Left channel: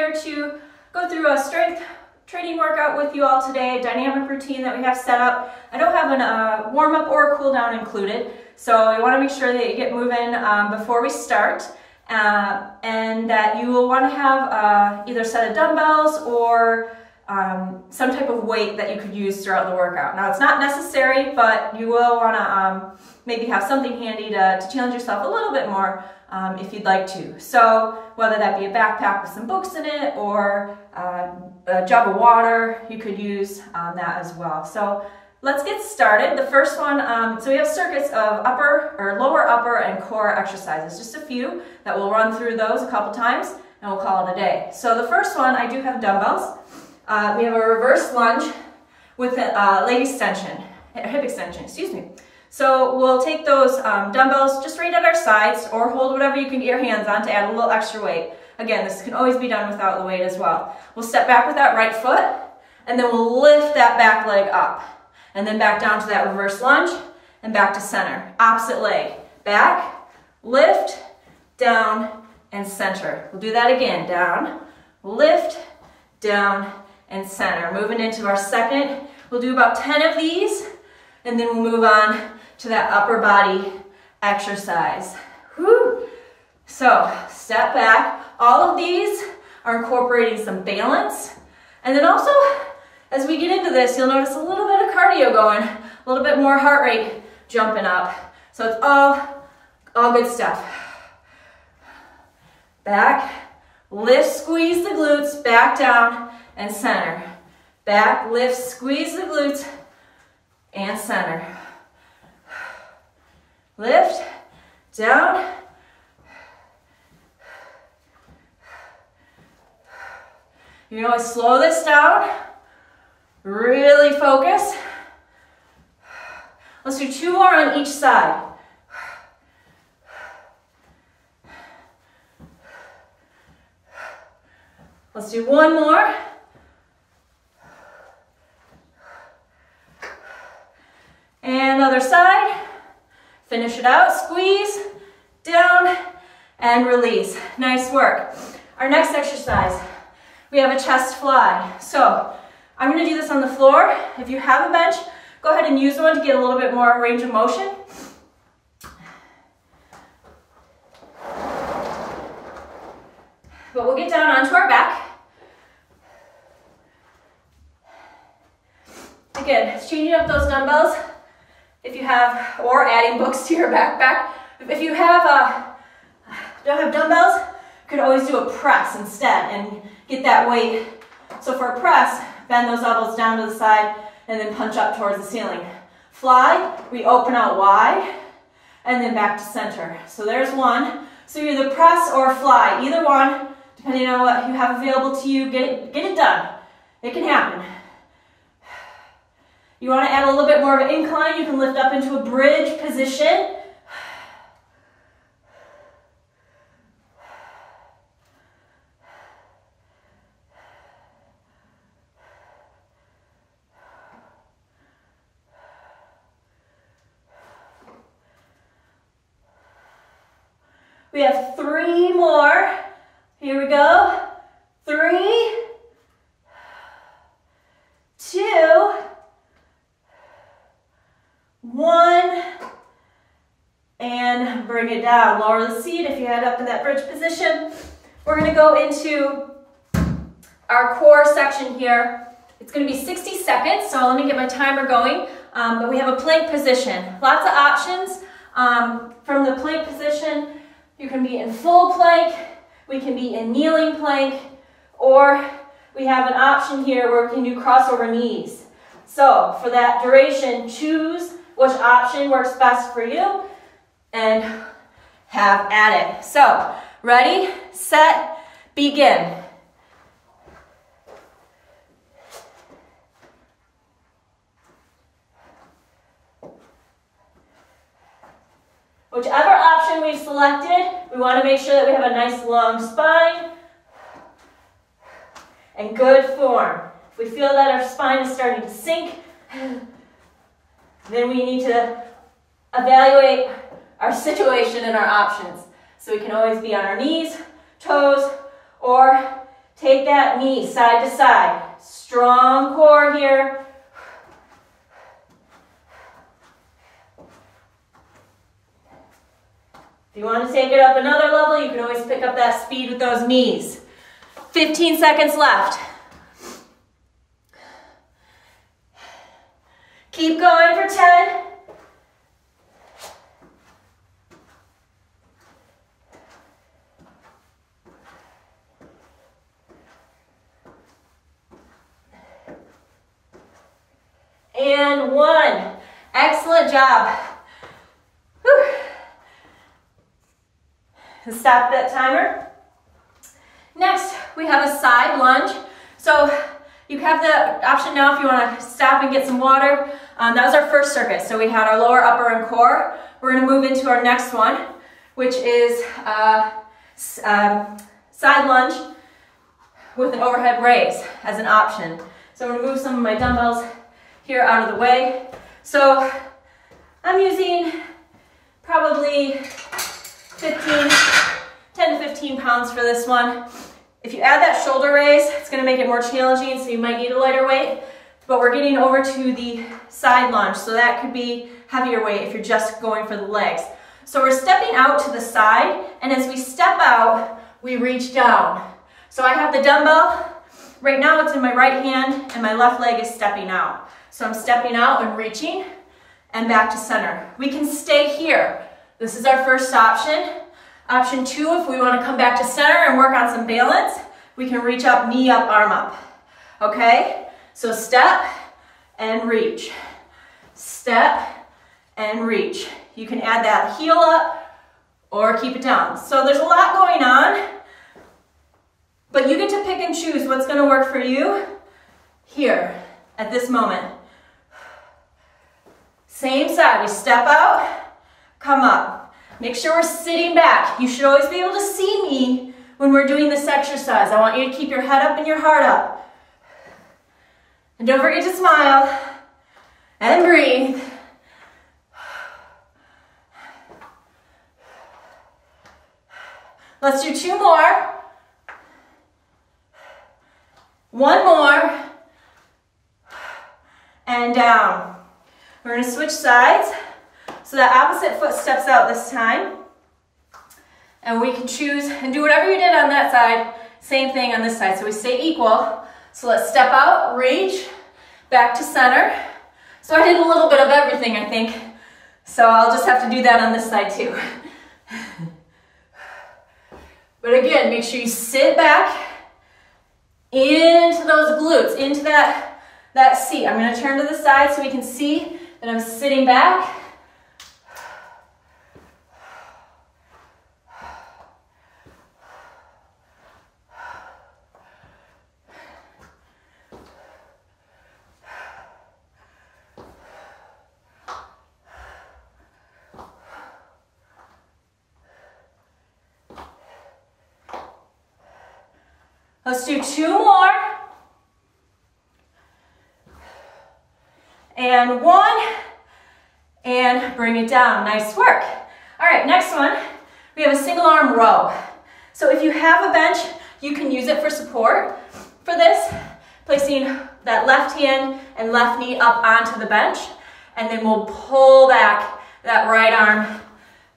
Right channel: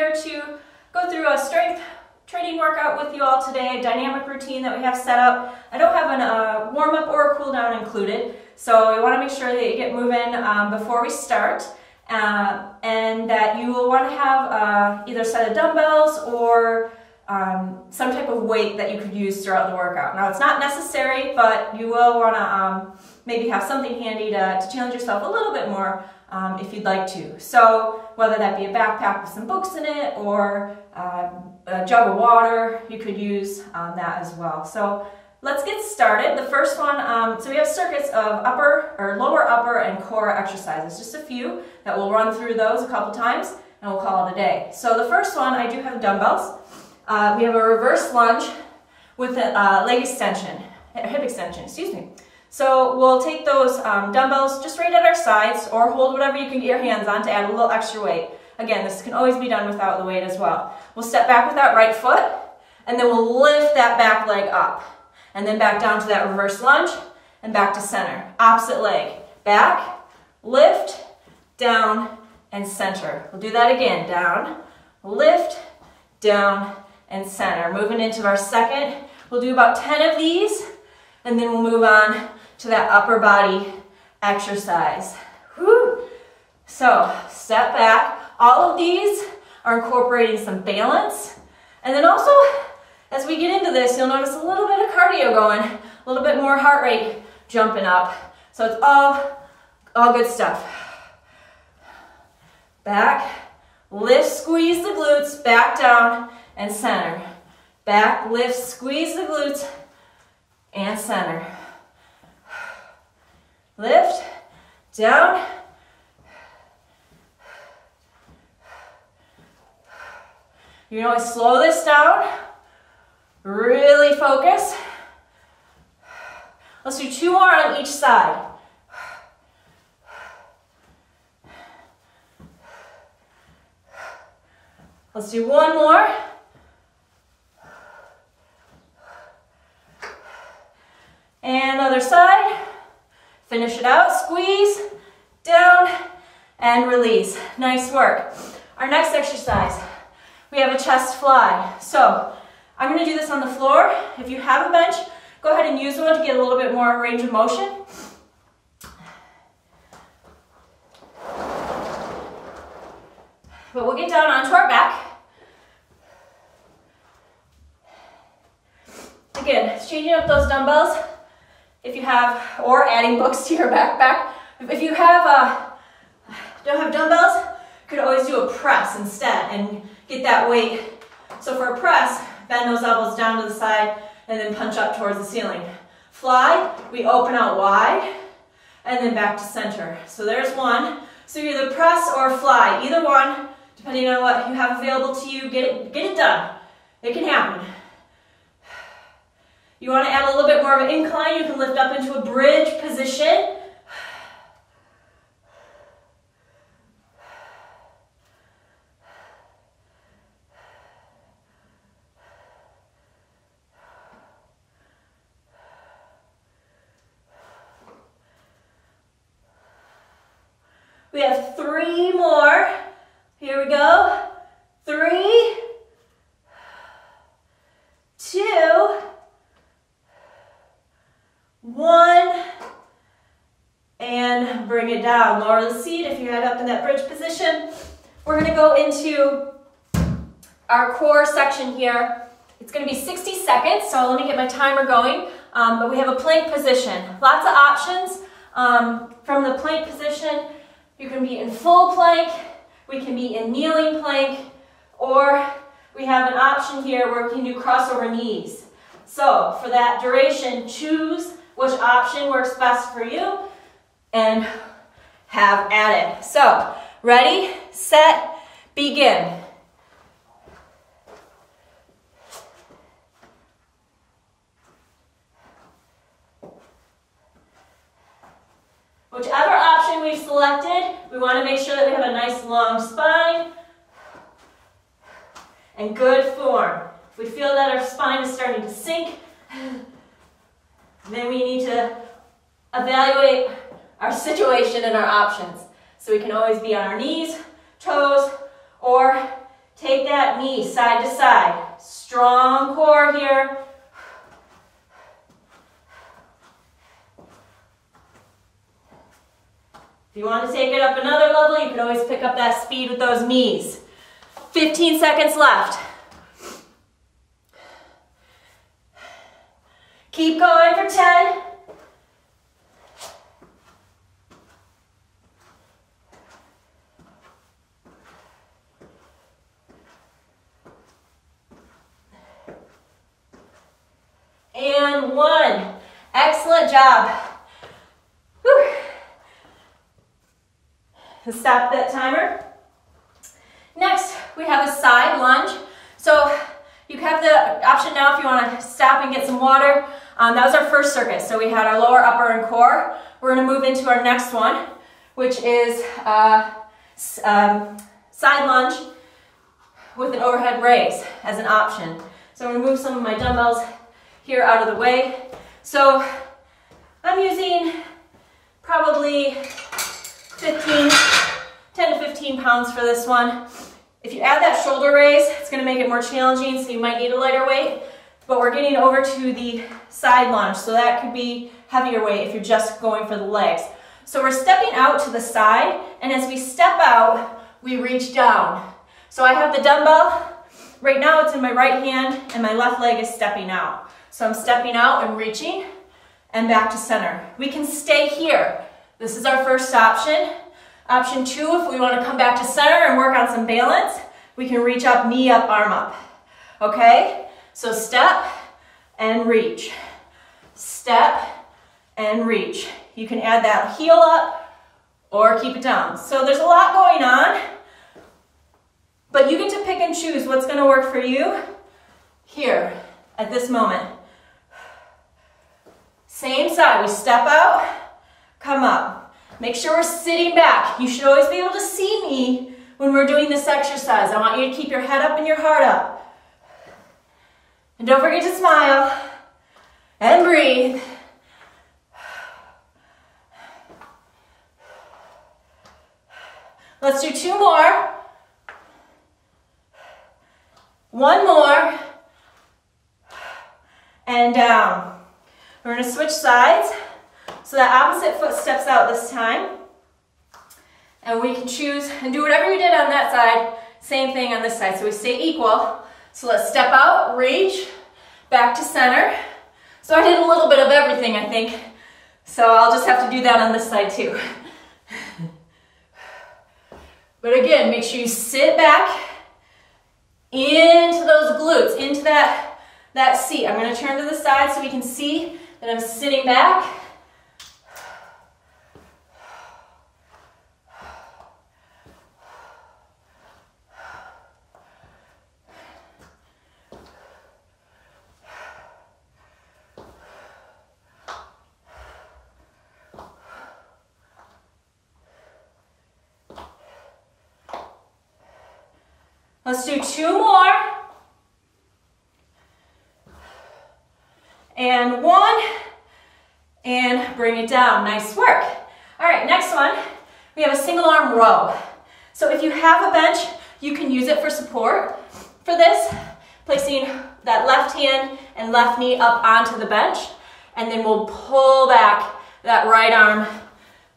here to go through a strength training workout with you all today, a dynamic routine that we have set up. I don't have a warm-up or a cool-down included, so I want to make sure that you get moving before we start, and that you will want to have either a set of dumbbells or some type of weight that you could use throughout the workout. Now, it's not necessary, but you will want to maybe have something handy to challenge yourself a little bit more if you'd like to. So whether that be a backpack with some books in it or a jug of water, you could use that as well. So let's get started. The first one, so we have circuits of lower upper and core exercises, just a few that we'll run through those a couple times and we'll call it a day. So the first one, I do have dumbbells. We have a reverse lunge with a leg extension, hip extension, excuse me. So we'll take those dumbbells just right at our sides or hold whatever you can get your hands on to add a little extra weight. Again, this can always be done without the weight as well. We'll step back with that right foot and then we'll lift that back leg up and then back down to that reverse lunge and back to center. Opposite leg, back, lift, down, and center. We'll do that again, down, lift, down, and center. Moving into our second, we'll do about 10 of these and then we'll move on to that upper body exercise. Whew. So step back. All of these are incorporating some balance. And then also, as we get into this, you'll notice a little bit of cardio going, a little bit more heart rate jumping up. So it's all good stuff. Back, lift, squeeze the glutes, back down and center. Back, lift, squeeze the glutes and center. Lift, down, you can always slow this down, really focus. Let's do 2 more on each side. Let's do 1 more. And other side. Finish it out, squeeze, down, and release. Nice work. Our next exercise, we have a chest fly. So I'm going to do this on the floor. If you have a bench, go ahead and use one to get a little bit more range of motion. But we'll get down onto our back. Again, changing up those dumbbells. If you have, or adding books to your backpack. If you have, don't have dumbbells, you could always do a press instead and get that weight. So for a press, bend those elbows down to the side and then punch up towards the ceiling. Fly, we open out wide and then back to center. So there's one. So either press or fly, either one, depending on what you have available to you, get it done. It can happen. You want to add a little bit more of an incline, you can lift up into a bridge position. We have 3 more. Here we go. 3, 2, 1, and bring it down. Lower the seat if you head up in that bridge position. We're going to go into our core section here. It's going to be 60 seconds, so let me get my timer going. But we have a plank position. Lots of options from the plank position. You can be in full plank, we can be in kneeling plank, or we have an option here where we can do crossover knees. So for that duration, choose which option works best for you and have at it. So, ready, set, begin. Whichever option we've selected, we want to make sure that we have a nice long spine and good form. If we feel that our spine is starting to sink, then we need to evaluate our situation and our options. So we can always be on our knees, toes, or Take that knee side to side. Strong core here. If you want to take it up another level, you can always pick up that speed with those knees. 15 seconds left. Keep going for 10. And 1. Excellent job. Whew. Stop that timer. Next, we have a side lunge. So you have the option now if you want to stop and get some water. That was our first circuit. So we had our lower, upper, and core. We're going to move into our next one, which is side lunge with an overhead raise as an option. So I'm going to move some of my dumbbells here out of the way. So I'm using probably 10 to 15 pounds for this one. If you add that shoulder raise, it's going to make it more challenging, so you might need a lighter weight. But we're getting over to the side lunge, so that could be heavier weight if you're just going for the legs. So we're stepping out to the side, and as we step out, we reach down. So I have the dumbbell. Right now it's in my right hand, and my left leg is stepping out. So I'm stepping out and reaching, and back to center. We can stay here. This is our first option. Option 2, if we want to come back to center and work on some balance, we can reach up, knee up, arm up. Okay? So step and reach. Step and reach. You can add that heel up or keep it down. So there's a lot going on, but you get to pick and choose what's going to work for you here at this moment. Same side. We step out, come up. Make sure we're sitting back. You should always be able to see me when we're doing this exercise. I want you to keep your head up and your heart up. And don't forget to smile and breathe. Let's do 2 more. 1 more. And down. We're going to switch sides. So that opposite foot steps out this time. And we can choose and do whatever you did on that side. Same thing on this side. So we stay equal. So let's step out, reach, back to center. So I did a little bit of everything, I think. So I'll just have to do that on this side too. But again, make sure you sit back into those glutes, into that seat. I'm going to turn to the side so we can see that I'm sitting back. Let's do 2 more. And 1. And bring it down. Nice work. All right, next one. We have a single arm row. So if you have a bench, you can use it for support. For this, placing that left hand and left knee up onto the bench. And then we'll pull back that right arm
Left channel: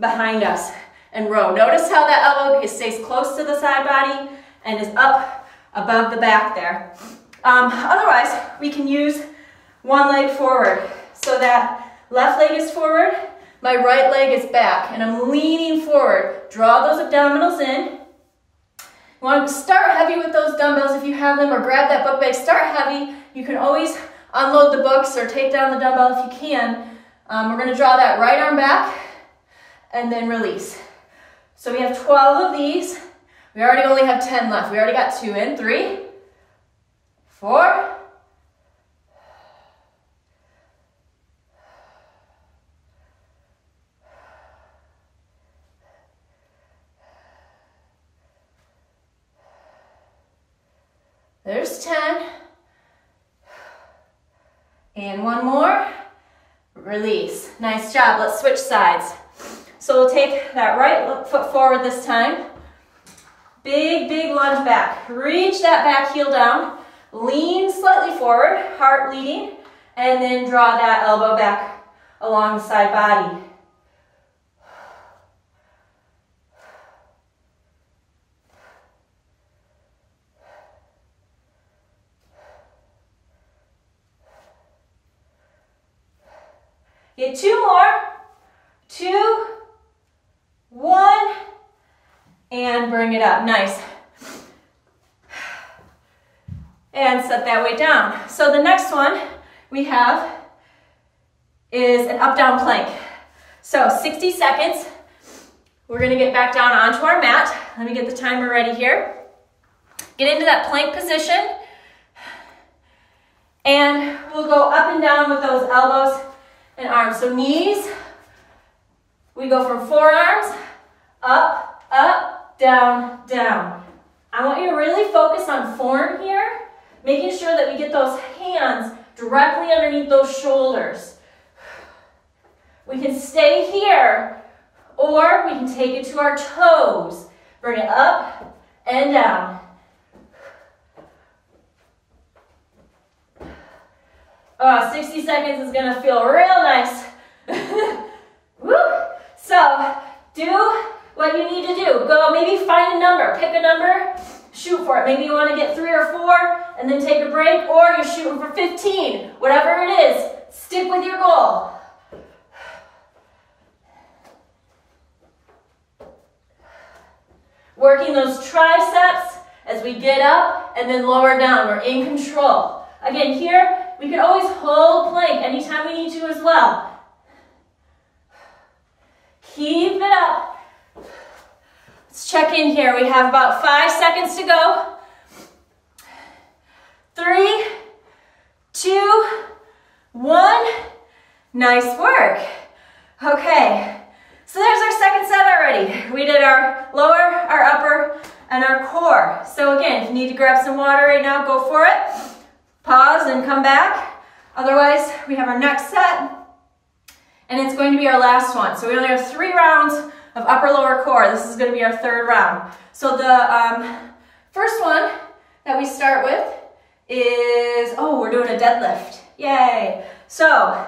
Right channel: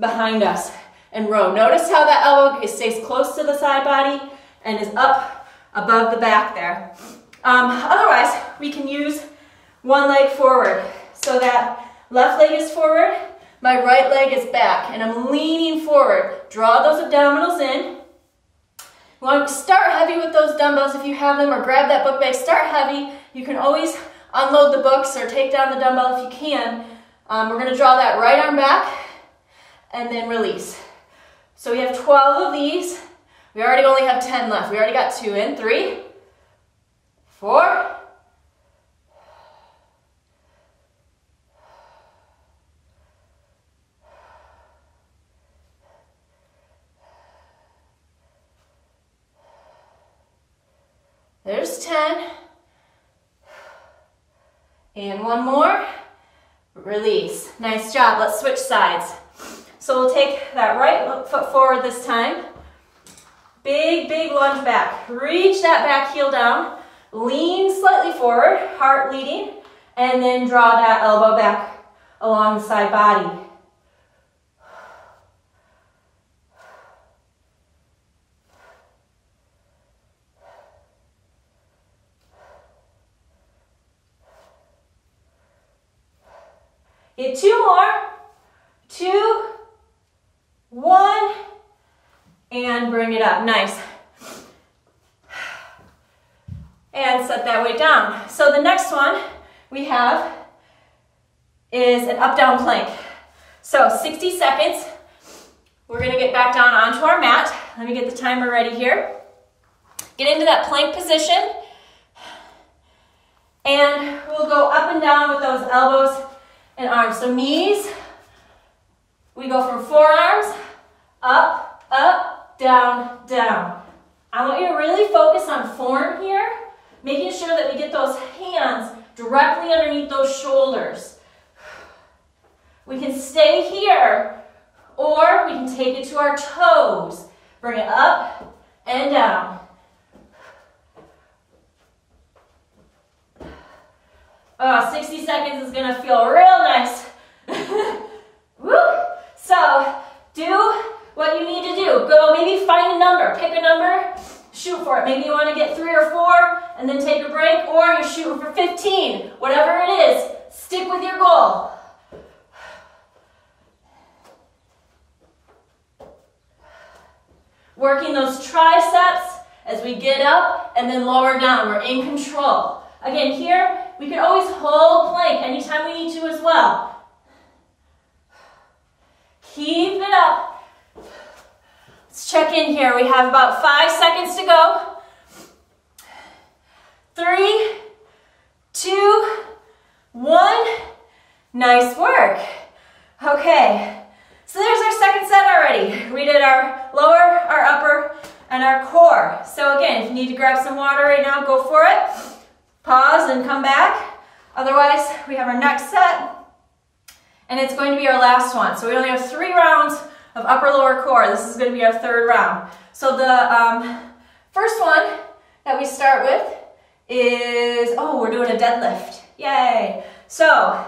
behind us and row. Notice how that elbow stays close to the side body and is up above the back there. Otherwise, we can use one leg forward. So that left leg is forward, my right leg is back, and I'm leaning forward. Draw those abdominals in. You want to start heavy with those dumbbells if you have them, or grab that book bag. Start heavy. You can always unload the books or take down the dumbbell if you can. We're going to draw that right arm back and then release. So we have 12 of these. We already only have 10 left. We already got 2 in. 3, 4, 10. And 1 more. Release. Nice job. Let's switch sides. So we'll take that right foot forward this time. Big, big lunge back. Reach that back heel down. Lean slightly forward, heart leading, and then draw that elbow back along the side body. Get 2 more. 2, 1, and bring it up. Nice. And set that weight down. So the next one we have is an up-down plank. So 60 seconds. We're gonna get back down onto our mat. Let me get the timer ready here. Get into that plank position. And we'll go up and down with those elbows and arms. So knees, we go from forearms, up, up, down, down. I want you to really focus on form here, making sure that we get those hands directly underneath those shoulders. We can stay here, or we can take it to our toes. Bring it up and down. Oh, 60 seconds is gonna feel real nice. Woo! So, do what you need to do. Go, maybe find a number, pick a number, shoot for it. Maybe you wanna get 3 or 4 and then take a break, or you're shooting for 15. Whatever it is, stick with your goal. Working those triceps as we get up and then lower down. We're in control. Again, here, we can always hold plank anytime we need to as well. Keep it up. Let's check in here. We have about 5 seconds to go. 3, 2, 1. Nice work. Okay, so there's our second set already. We did our lower, our upper, and our core. So again, if you need to grab some water right now, go for it. Pause and come back. Otherwise, we have our next set, and it's going to be our last one. So we only have 3 rounds of upper lower core. This is going to be our 3rd round. So the first one that we start with is, we're doing a deadlift. Yay. So,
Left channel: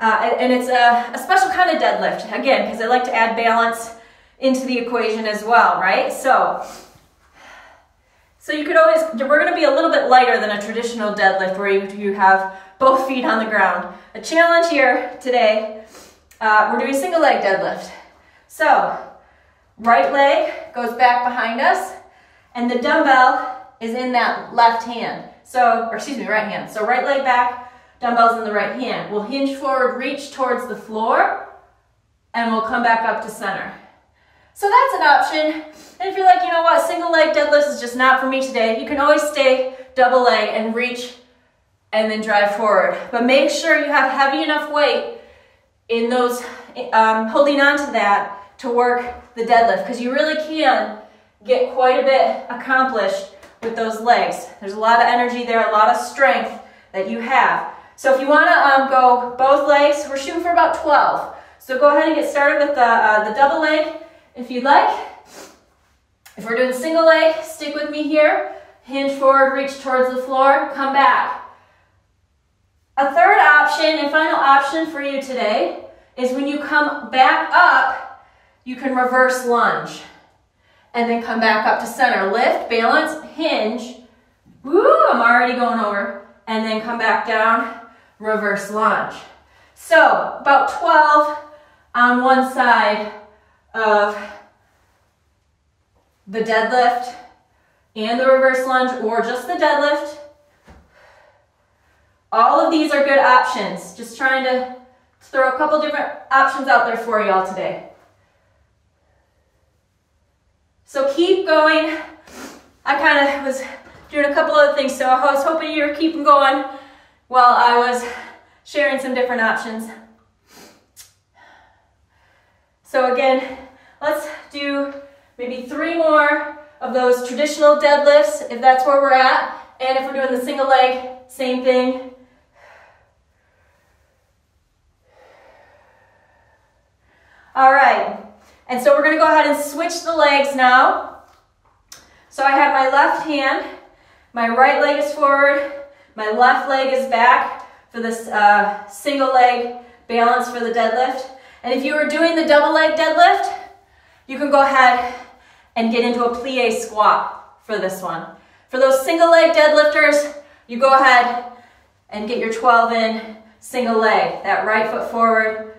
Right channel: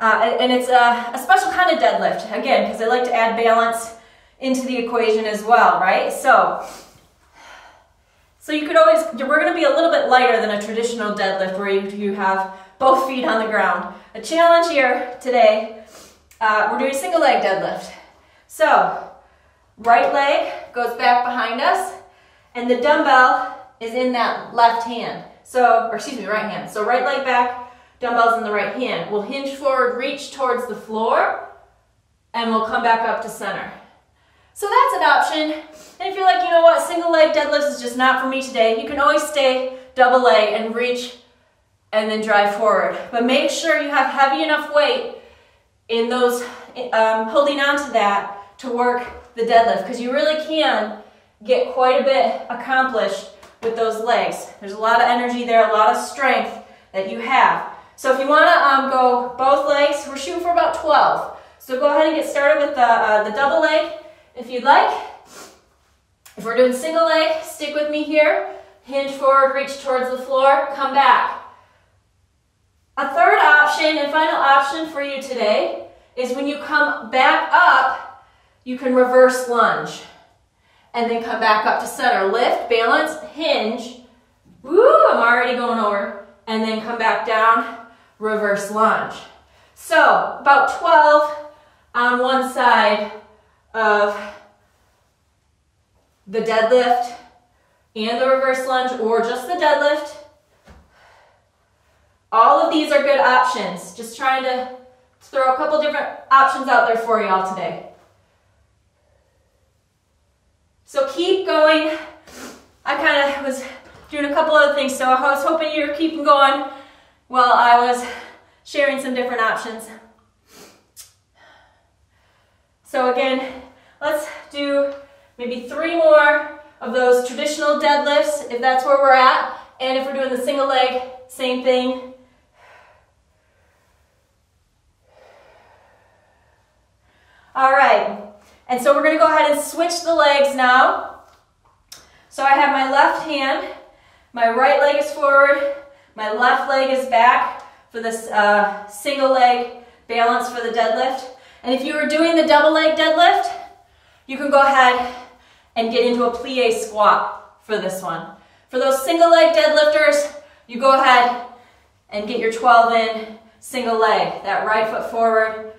and it's a special kind of deadlift, again, because I like to add balance into the equation as well, right? So you could always, we're going to be a little bit lighter than a traditional deadlift where you have both feet on the ground. A challenge here today, we're doing single leg deadlift. So, right leg goes back behind us, and the dumbbell is in that left hand. So, or excuse me, right hand. So right leg back, dumbbells in the right hand. We'll hinge forward, reach towards the floor, and we'll come back up to center. So that's an option. And if you're like, you know what, single leg deadlifts is just not for me today, you can always stay double leg and reach and then drive forward. But make sure you have heavy enough weight in those, holding on to that to work the deadlift, because you really can get quite a bit accomplished with those legs. There's a lot of energy there, a lot of strength that you have. So if you want to go both legs, we're shooting for about 12. So go ahead and get started with the double leg if you'd like. If we're doing single leg, stick with me here. Hinge forward, reach towards the floor, come back. A third option and final option for you today is when you come back up, you can reverse lunge. And then come back up to center. Lift, balance, hinge. Woo, I'm already going over. And then come back down, reverse lunge. So, about 12 on one side of the deadlift and the reverse lunge, or just the deadlift. All of these are good options. Just trying to throw a couple different options out there for you all today. So keep going. I kind of was doing a couple other things, so I was hoping you were keeping going while I was sharing some different options. So again, let's do maybe 3 more of those traditional deadlifts, if that's where we're at. And if we're doing the single leg, same thing. All right. And so we're going to go ahead and switch the legs now. So I have my left hand, my right leg is forward, my left leg is back for this single leg balance for the deadlift. And if you were doing the double leg deadlift, you can go ahead and get into a plie squat for this one. For those single leg deadlifters, you go ahead and get your 12 in single leg. That right foot forward,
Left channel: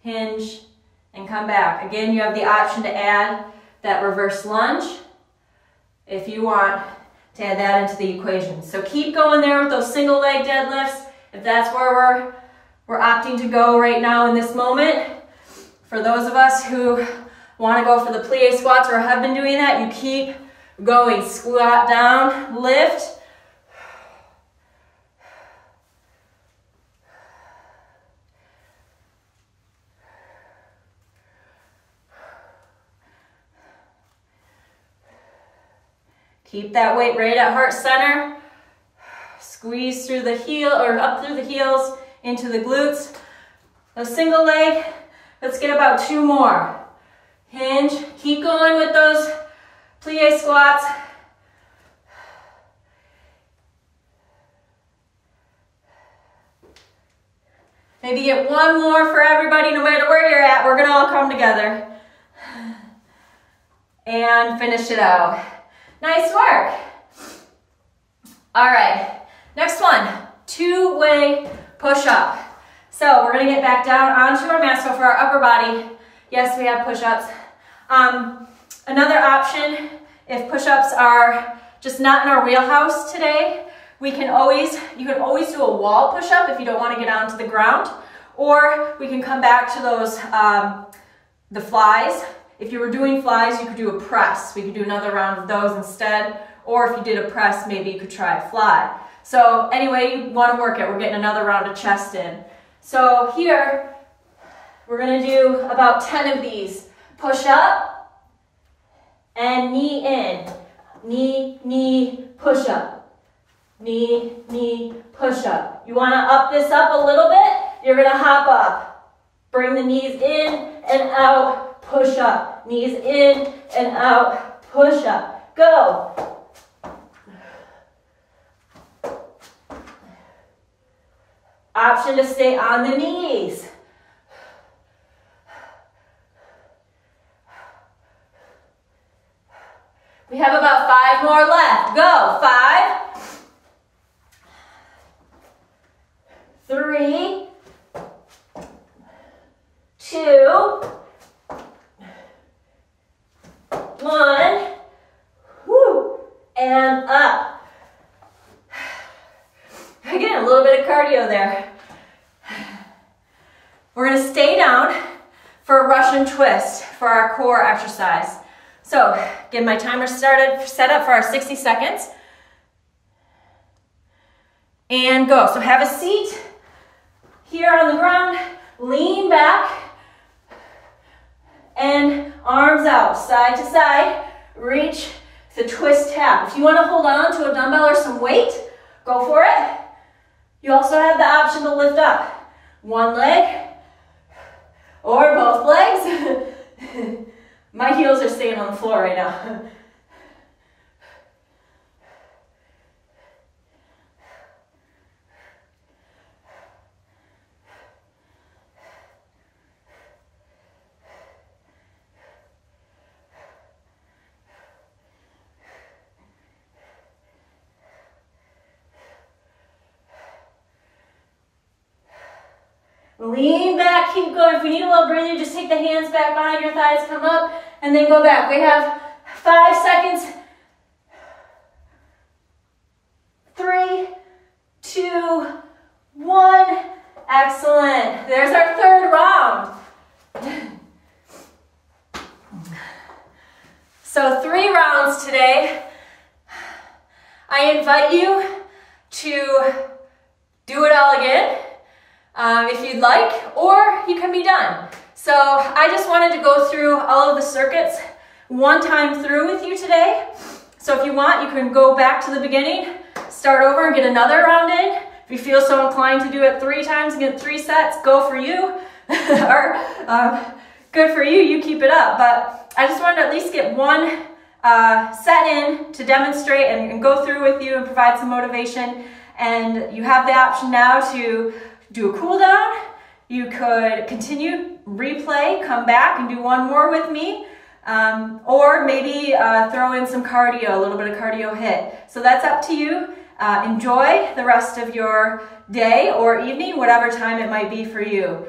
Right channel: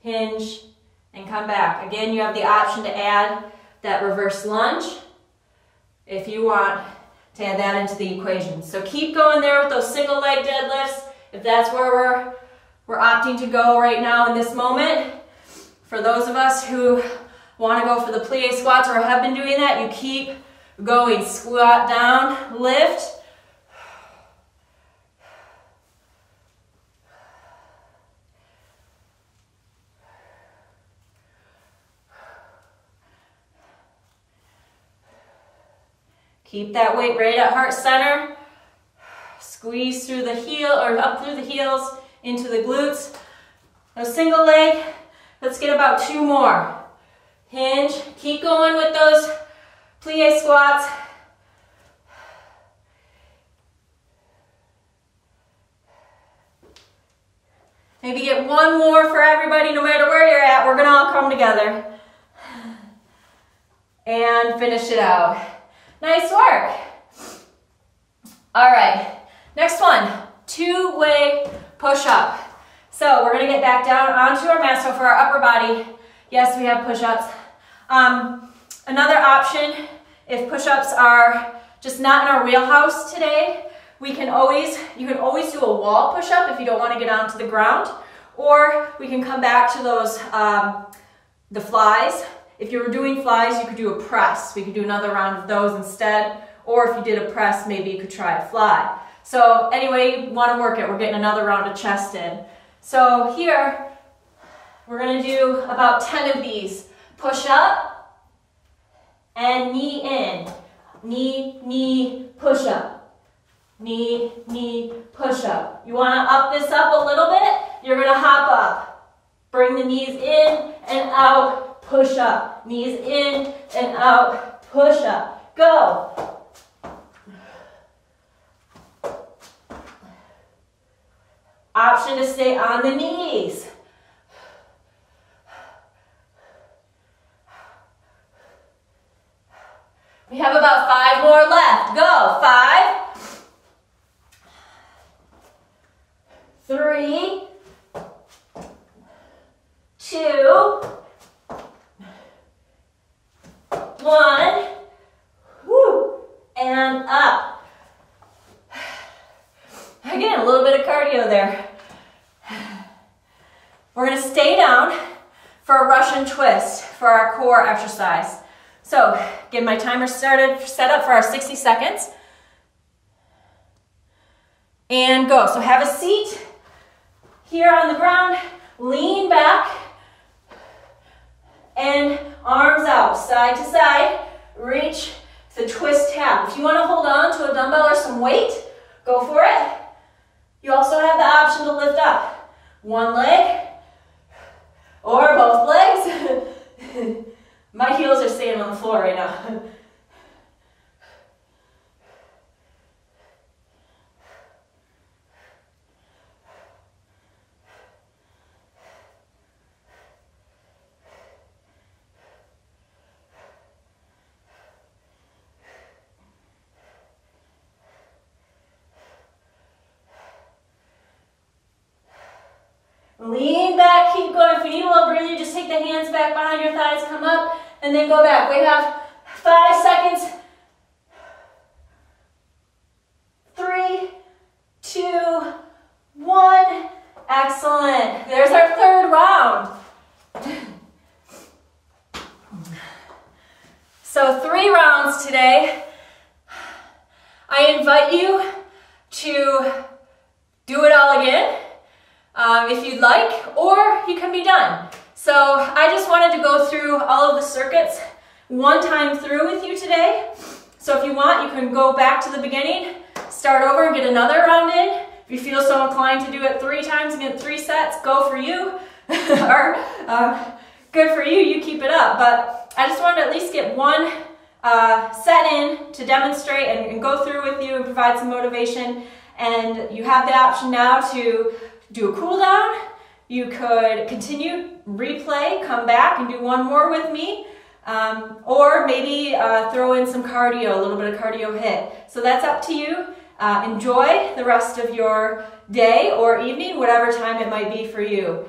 hinge, and come back. Again, you have the option to add that reverse lunge if you want to add that into the equation. So keep going there with those single leg deadlifts if that's where we're opting to go right now in this moment. For those of us who want to go for the plie squats or have been doing that, you keep going. Squat down, lift. Keep that weight right at heart center. Squeeze through the heel or up through the heels into the glutes. Now single leg, let's get about 2 more. Hinge, keep going with those plie squats. Maybe get 1 more for everybody, no matter where you're at. We're gonna all come together. And finish it out. Nice work. All right, next one, 2-way push-up. So we're gonna get back down onto our mat. So for our upper body, yes, we have push-ups. Another option, if push-ups are just not in our wheelhouse today, you can always do a wall push-up if you don't want to get onto the ground, or we can come back to those, the flies. If you were doing flies, you could do a press. We could do another round of those instead, or if you did a press, maybe you could try a fly. So anyway, you want to work it. We're getting another round of chest in. So here, we're going to do about 10 of these. Push up and knee in. Knee, knee, push up. Knee, knee, push up. You want to up this up a little bit? You're going to hop up. Bring the knees in and out. Push up, knees in and out, push up, go. Option to stay on the knees. We have about 5 more left, go. 5, 3, 2, 1, woo, and up. Again, a little bit of cardio there. We're going to stay down for a Russian twist for our core exercise. So, get my timer set up for our 60 seconds. And go. So have a seat here on the ground, lean back, and arms out, side to side, reach the twist tap. If you want to hold on to a dumbbell or some weight, go for it. You also have the option to lift up one leg or both legs. My heels are staying on the floor right now. Lean back, keep going. If you need a little breather, just take the hands back behind your thighs, come up, and then go back. We have 5 seconds. 3, 2, 1. Excellent. There's our 3rd round. So 3 rounds today. I invite you to do it all again. If you'd like, or you can be done. So I just wanted to go through all of the circuits one time through with you today. So if you want, you can go back to the beginning, start over and get another round in. If you feel so inclined to do it 3 times and get 3 sets, go for you. Or good for you, you keep it up. But I just wanted to at least get one set in to demonstrate and go through with you and provide some motivation. And you have the option now to do a cool down. You could continue, replay, come back and do one more with me. Or maybe throw in some cardio, a little bit of cardio hit. So that's up to you. Enjoy the rest of your day or evening, whatever time it might be for you.